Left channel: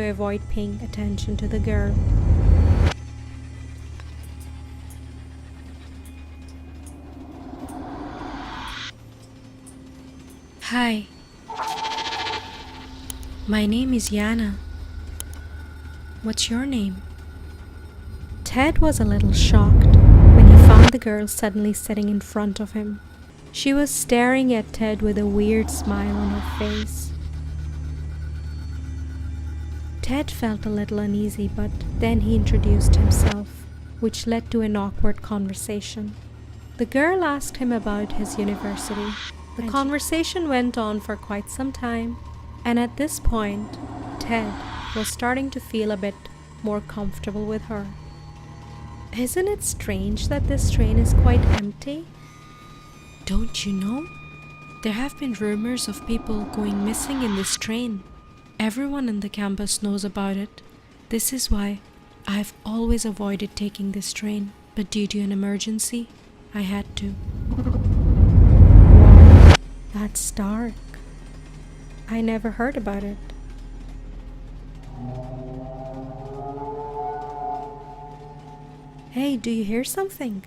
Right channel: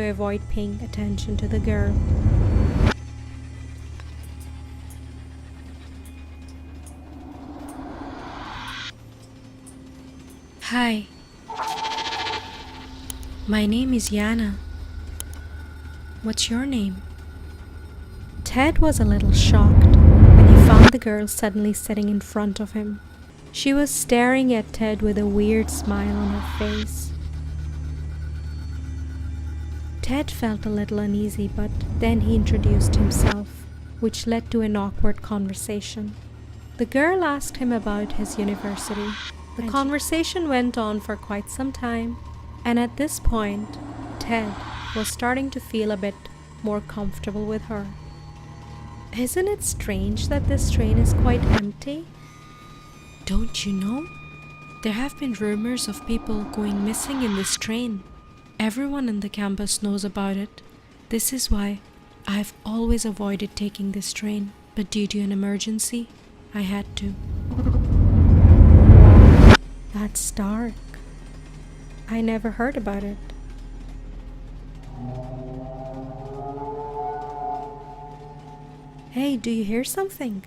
to avoid paying attention to the girl. Hi, my name is Yana. What's your name? Ted was a little shocked when he found the girl suddenly sitting in front of him. She was staring at Ted with a weird smile on her face. Ted felt a little uneasy, but then he introduced himself, which led to an awkward conversation. The girl asked him about his university. The conversation went on for quite some time, and at this point, Ted was starting to feel a bit more comfortable with her. Isn't it strange that this train is quite empty? Don't you know? There have been rumors of people going missing in this train. Everyone in the campus knows about it. This is why I've always avoided taking this train, but due to an emergency, I had to. Wow, that's dark. I never heard about it. Hey, do you hear something?